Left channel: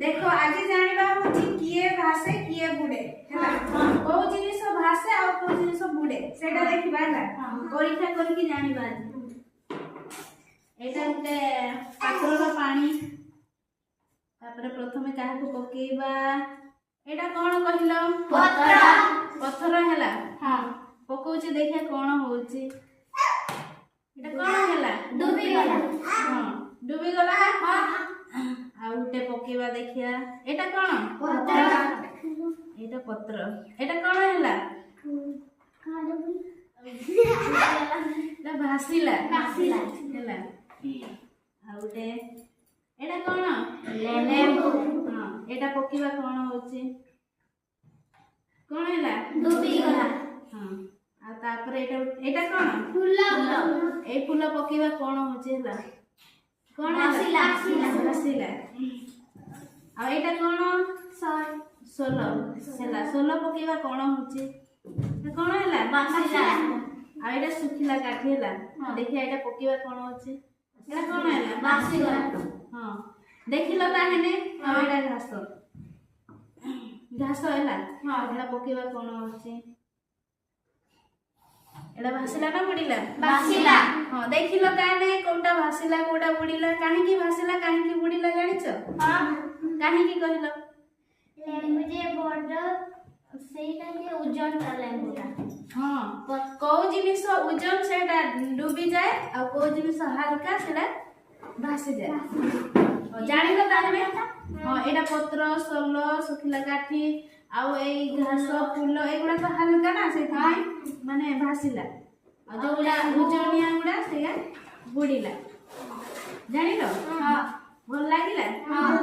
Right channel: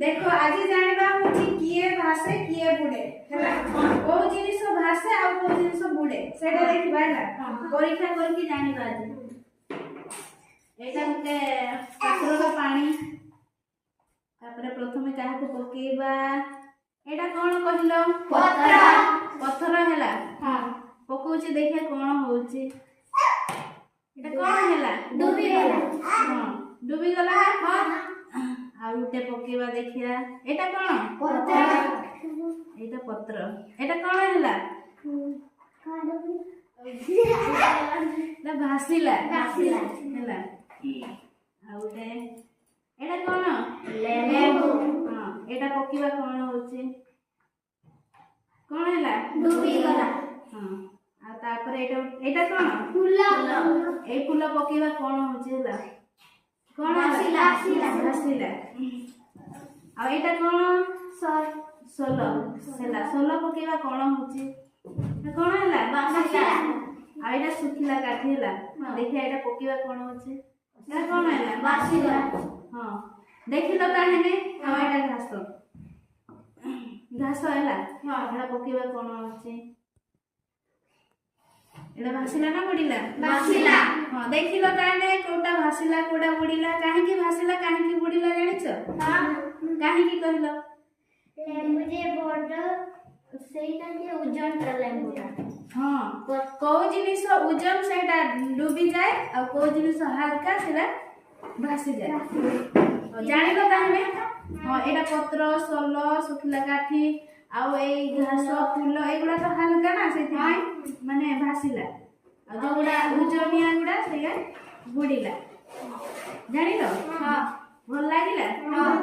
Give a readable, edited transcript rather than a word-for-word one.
देखो आज जानिबा होची किए भाषे किए बुडे हैला को जिनिस भाषे आ को जिनिस बुडे सेटा देखिबा हैला परीक्षा करके जानिबा आज एटा गुटे पात्रर पानी तापर प्रथमे काहे को पकेइबा एटा कोन कहिलो पत्थर पत्थर हैला हां पकोची देखिया कोन होउची एटा कोन हैला डूबी गला हां डूबी गला हां आ उटे पकेवा देखिया एटा कोन पत्थर एटा पत्र एटा कोन हैला एटा भासिला भासिला हैला आ उटे एटा कोन लेबू हां एटा पकेवा कोन होची कोन हैला डूबी गला हां आ तापर एटा कोन फूल ए फूल पकेवा कोन होची हैला कोन भासिला भासिला आ एटा कोन सोलो सेला सोलो पकेवा कोन होची कोन हैला भासिला आ एटा सुखिला काठी हैला देखिया एटा पकेवा कोन होची एटा कोन हैला भासिला हां देखिलो काहेने हां एटा घास घास हैला हां एटा पकेवा कोन होची एटा भासिला ना बुडीला भासिला हां देखिलो काहेने कोटा भासिला कोटा बुडीला काहे की भासिला काहे की बुडीला जानिछो हां काहे की कहिलो लेम्बू जे बड सेटा के ओजन ता लेम्बूटा हां को जिनिस ओजन सेटा डूबी जाए आ को जिनिस हल्का सेटा भासी जाए जानिलो ताहे हां एटा पत्र सोलो सुखिला काठी आ ए घास फूल एगुडा तो हल्का ना सेति माने भासिला आ जोडा उजनिया गुडा सेगा बुडीला जानिलो हां भल लागिला हां